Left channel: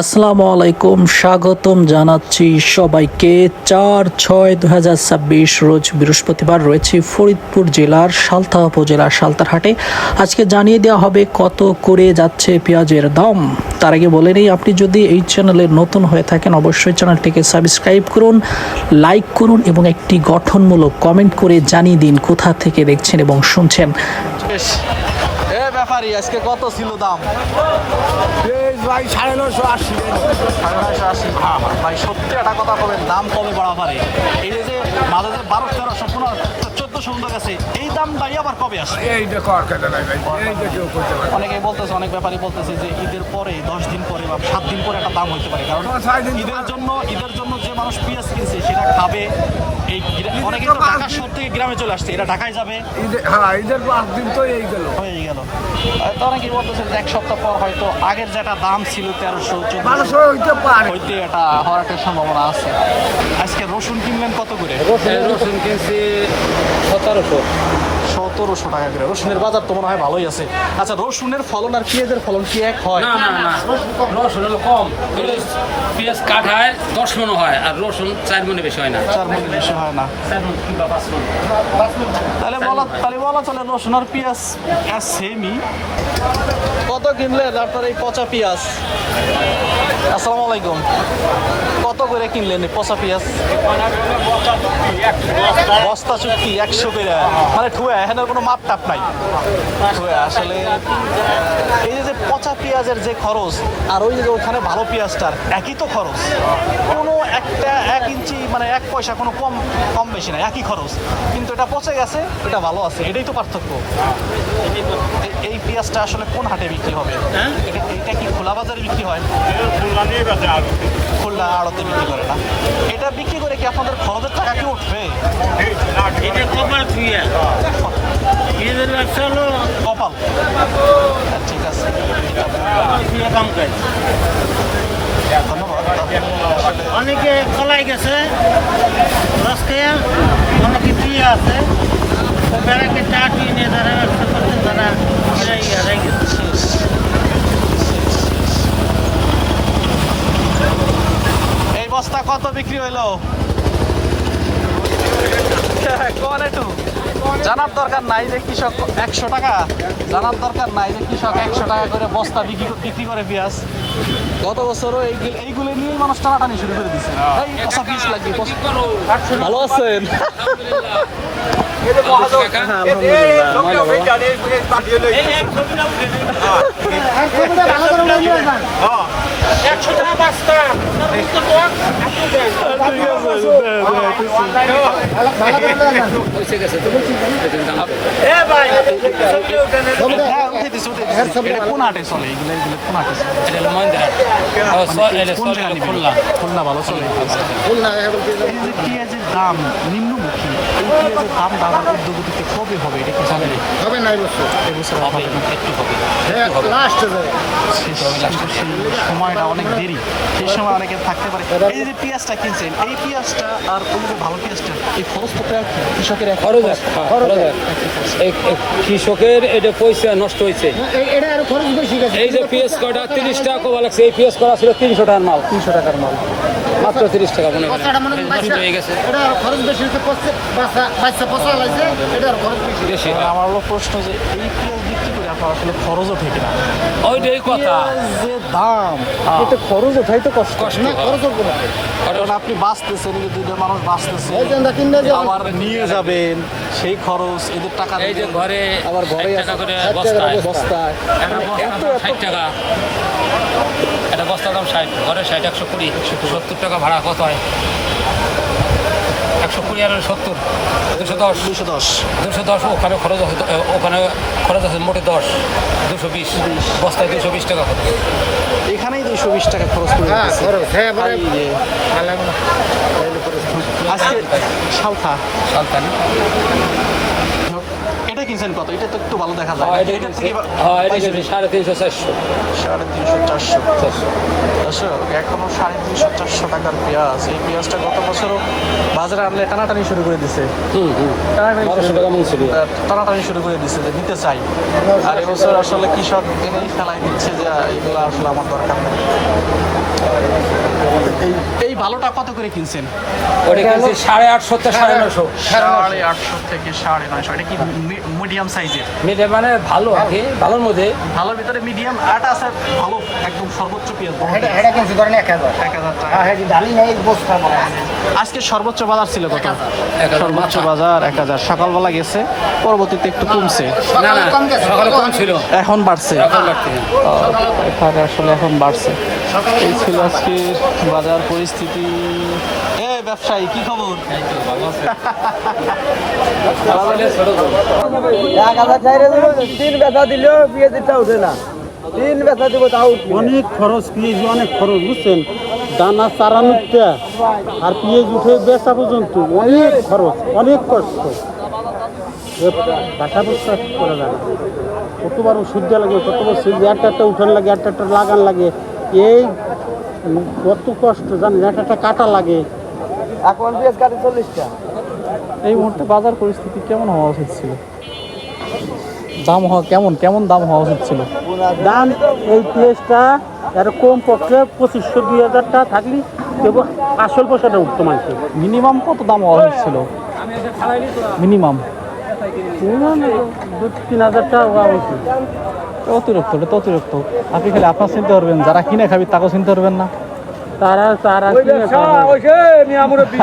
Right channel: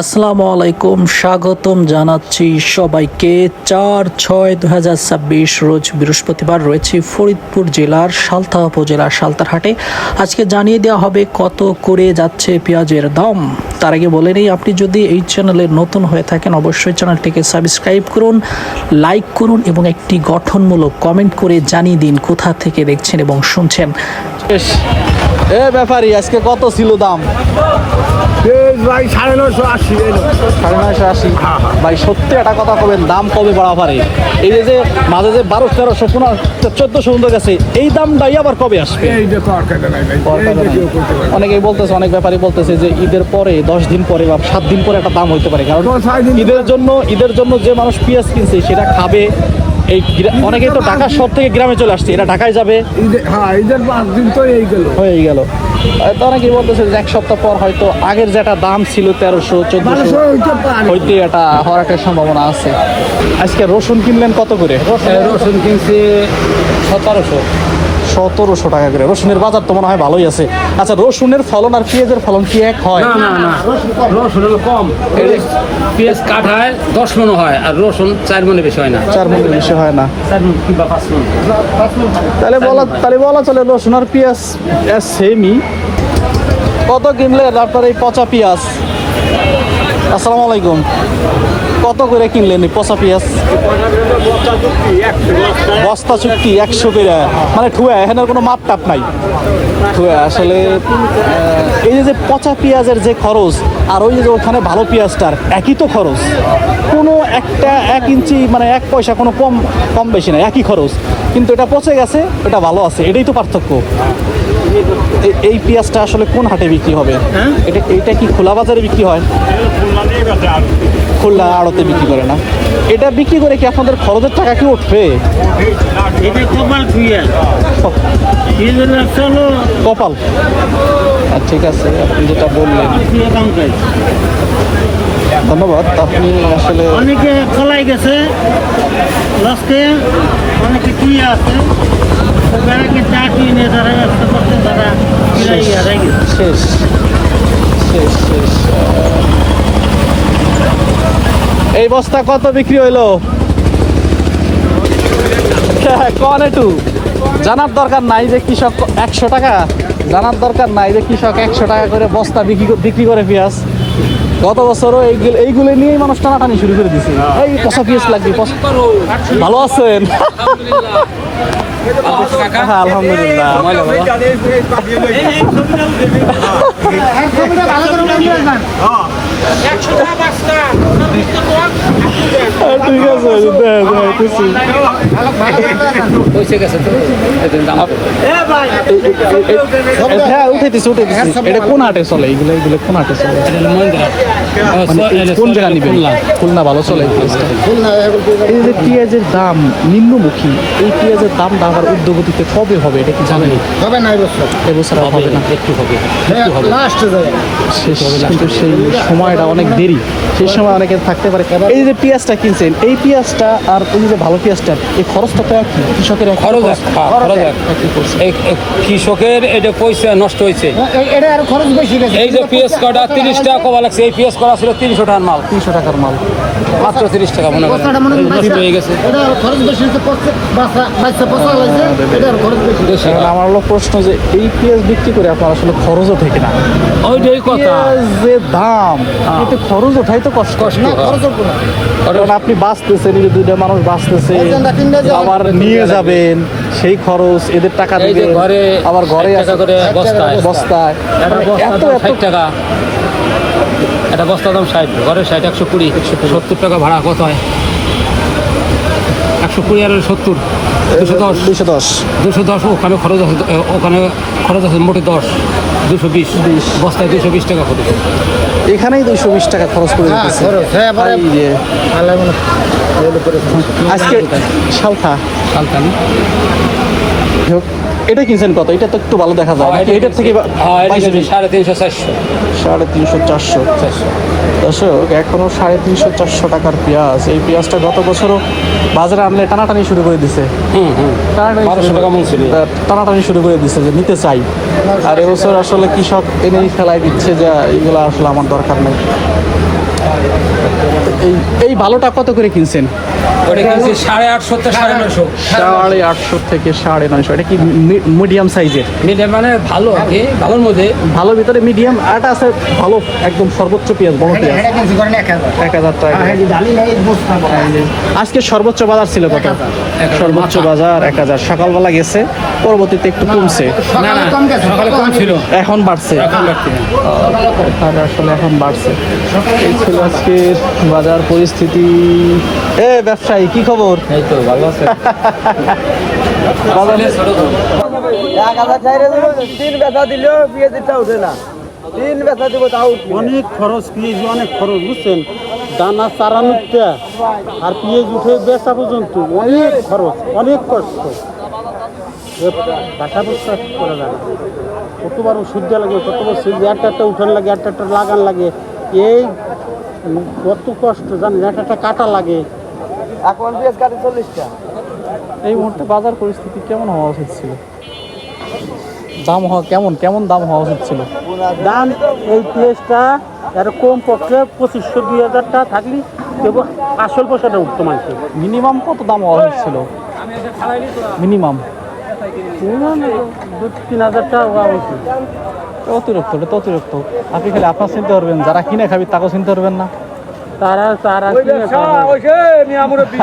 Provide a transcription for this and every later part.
আসসালামু আলাইকুম, স্বাগতম জানাচ্ছি সবাইকে। 4/6/2026 রোজ বৃহস্পতিবার রয়েছে ফরিদপুর জেলার সালথা উপজেলার সালতার হাটে। আজকে জানিয়ে দেওয়া হবে কত করে যাচ্ছে পেঁয়াজের দাম। তার আগে বলে নেই, আপনি যদি এই চ্যানেলে নতুন হয়ে থাকেন অবশ্যই চ্যানেলটিকে সাবস্ক্রাইব করুন, লাইক করুন এবং একটি গঠনমূলক কমেন্ট করে জানিয়ে দিন কোথা থেকে দেখছেন এবং শুনছেন। ব্যাপারী আজকে কত ছিল দাম? ভাই 980 980। ভাই সত্যি একটা কথা কবেন, দাম কবে বাড়া পারে? এই যে মাঝে যে 1200-1300 1400 পর্যন্ত গেছে, এই দামটাই আবার কবে আসবে? অনেকেই বলতেছে, অনেক ব্যাপারী বলতেছে যে ঈদের পরে 10 দিন পরে বা 7 দিন পরে একটা দাম হইতে পারে, কারণ ঈদের জন্য যে মানুষ পেঁয়াজ কিনছে সেটা খাবে। এই অনেকেই তো ঢাকা শহর থেকে গ্রামে চলে আসছে, এরা ঢাকায় যাবে। ঈদের 5 দিন তো হয়ে গেল। তো অনেকেই বলতেছে যে এক সপ্তাহ পর হয়তো আগের যেটা দাম ছিল 1300-1400 হইতে এটা হওয়ার একটা সম্ভাবনা আছে। আজকে রসুন কিনলেন কত করে? রসুন কিনছে 1700 টাকা করে। রসুনের বাজার তো মনে হয় ভালোই আছে। আচ্ছা, রসুনের ফলন আর পেঁয়াজের ফলন কি এক হয়? না রসুন হলো কম। পেঁয়াজ কাঠায় 10 মণ হয় আর রসুন 4 মণে বেশি হয় না। 4 মণ বেশি হয় না। 4 মণ কিংবা 5 মণ। তাহলে বলা চলে রসুন আর পেঁয়াজ সেমই। কত কিনলেন আপনার এই পচা পেঁয়াজ? আসসালামু আলাইকুম। কত করে কিনলেন এই পচা পেঁয়াজ? বস্তা চুক্তি 100 করে, মানে ঠুয়া, এখানে কোনো মাপ টাপ নাই। ঠুয়া আসলে এই যে পচা পেঁয়াজের যে খরচ আর ওই যে ওখানে ভালো পেঁয়াজটার একই তো খরচ, কোনো একটা 1 ইঞ্চি মানে 1 পয়সা কোনো কম বেশি নাই, একই খরচ। কিন্তু এটা পচে গেছে, এটা ভালো আছে, এটাই তো পার্থক্য। এই পেঁয়াজটা আসলে কোন হাটে বিক্রি হবে? এটা কি খোলা বাজারে বিক্রি হয়? খোলা আড়তে বিক্রি করে না। এটা বিক্রি করে কি আপনাদের খরচের টাকা কি উঠবে? কপাল। ঠিক আছে, আপনি যেটা বললেন ধন্যবাদ। আপনি আসলে অনেকে কলাই গেছে, অনেকে কি আছে বেড়াকে চাটি নিয়ে যারা ব্যবসা করছেন তারা শেষ। এই বস্তা কত বিক্রি হইলো? কন একটু জানার দরকার নাই যে কৃষক 100 টাকা, জানার দরকার নাই যে কৃষক 100 টাকা করে বস্তা বিক্রি করে পেঁয়াজ। গত বছরও এইগুলো নিয়েই মানুষ টানাটানি শুরু করে দিছে। এই পচা পেঁয়াজ লাগবে। ভালো আছেন? আলহামদুলিল্লাহ। ঠিক আছে, হ্যাঁ উঠাইতেছি। এটা কোন হাটে চলে? এইগুলো কোন হাটে চলে? কোন জায়গা নিবেন? খুলনা ভালো চলে। এই যে পেঁয়াজের দাম নিম্নমুখী, এই পেঁয়াজের দামটা আমার উদ্যোগতিতে কবে হবে এটা কি জানেন? হবে না এবছর হবে না, একটু হবে। কিন্তু সেই সময়টা অনেক দেরি, সেই সময় অনেকে থাকতে পারে। এই যে পেঁয়াজটা কিনছেন, এই পেঁয়াজটা আর ওই যে ভালো পেঁয়াজটার এই খরচটা তো কৃষকের খরচ কৃষকের এটা পয়সা নষ্ট হয়েছে। এটা আর খরচ বেশি গেছে। এই যে পেঁয়াজ কাটা 30 টাকা কমা লাগছে, এই পেঁয়াজ করা ছিল 300 টাকার মাল, 300 টাকার মাল, মাত্র 30 টাকা মনে হয় নষ্ট হয়ে গেছে। এটা আর খরচ বেশি হয়েছে, বাচ্চা পচা লাগছে, এটা আর খরচ বেশি। আমার হলো প্রশ্ন যে এই পেঁয়াজ বিক্রি করে আপনার আসলে খরচও থেকে না? ওইটাই কথা, যে দাম এটা খরচ ওঠাই তো কষ্ট। কারণ আপনি বাঁচতেছেন, এই যে 2টা মানুষ বাঁচতেছে, আবার নিয়ে যাবেন সেই খরচ, এদের টাকা দিবে, আবার ঘরে টাকা করে বস্তায় একটা বস্তার দাম 60 টাকা, একটা বস্তার দাম 60, ঘরে 60, 120, 70 টাকা ভাড়া। কত হয়? 120 আর 70, 210। ওখানে খরচ আছে মোটে 10, 220 বস্তায় 220 টাকা খরচ। এখানেই 220 টাকা খরচ করে দিতেছে। আজকে সালথা না এটা কিনছেন কত? এটা তো একটু ভালো দেখা যায় নাকি এটার থেকে? 350-400। দর্শক, এখনো 350-400 টাকার পেঁয়াজ। এই পেঁয়াজটা গত বছরও বাজারে আনলে টানাটানি শুরু করে দিছে। টানাটানি শুরু করে দিছে যে নিতে চাই, আর এবছর আসলে কৃষক এনেই ফেলাই দিচ্ছে যে এইগুলো আসলে আমার দরকার নেই। ভালোটা কত করে কিনছেন? ওটা কিনছি 850 থেকে 950। 850 থেকে 950। এটা কি মিডিয়াম সাইজের? মিডিয়াম মানে ভালো আর কি, ভালোর মধ্যে। ভালো ভিতরে মিডিয়াম, আরটা আছে ভালো একদম সর্বোচ্চ পেঁয়াজ, বড় পেঁয়াজ 1000 টাকা। আজকে সর্বোচ্চ বাজার ছিল কত? সর্বোচ্চ বাজার 1000। সকালবেলা গেছে, পরবর্তীতে একটু কমছে, না না, সকালে কম ছিল, এখন বাড়ছে। এখন বাড়তি না। তাহলে আসলে এখন বাড়ছে। এই ছিল আজকের বাজার পরিস্থিতি। ব্যবসায়ী কি খবর? এই তো ভালো আছে। অনেক খরচ, পেঁয়াজ অনেক খরচ, বুঝছেন? দানা চারা নিতে আর পেঁয়াজ উঠে বেচা পর্যন্ত অনেক খরচ, অনেক কষ্ট। বাসা বসা করা যায় না। কতবার ওষুধ দেওয়া লাগে, কতবার সিল একটা উঠান লাগে, একটা লাগান লাগে। এই কত কষ্ট জানেন, একটা কাটা লাগে। এখন পেঁয়াজ কাটে 40টা। এই মুহূর্তে বাজার পরিস্থিতি কেমন হওয়া উচিত ছিল? দাম হওয়া কেমন দাম হওয়া উচিত ছিল? দাম এই পেঁয়াজটা এর কম পক্ষে 2500-2000 টাকা থাকলে কেবল আসল পয়সাটা উঠতো মানুষের। মিনিমাম কত দাম হওয়া উচিত ছিল? মিনিমাম 2-3 হাজার টাকা হওয়া উচিত। অতিরিক্ত, এটা তো অতিরিক্ত। আপনি খালি আপনার চিনতে পারবেন, যারা কিনে খাবি তাকেও চিনতে পারবেন না। তারা কিনে খাবে।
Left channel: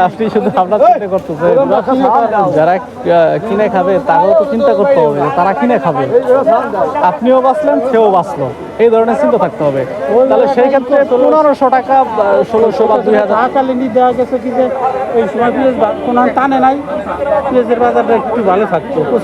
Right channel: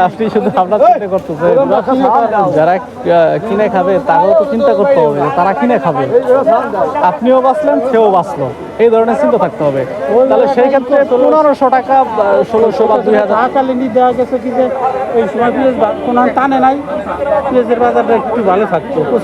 আপনি শুধু আপনার চিন্তা করতেছেন, যারা কিনে খাবে তাকেও তো চিন্তা করতে হবে যে তারা কিনে খাবে। আপনিও বাঁচলেন, সেও বাঁচলো, এই ধরনের চিন্তা থাকতে হবে। তাহলে সেই ক্ষেত্রে 1500 টাকা, 1600 বা 2000 ঢাকালিনি দেওয়া গেছে কি যে এই সময় পেঁয়াজ কোনো টানে নাই, পেঁয়াজের বাজারটা একটু ভালো থাকতো।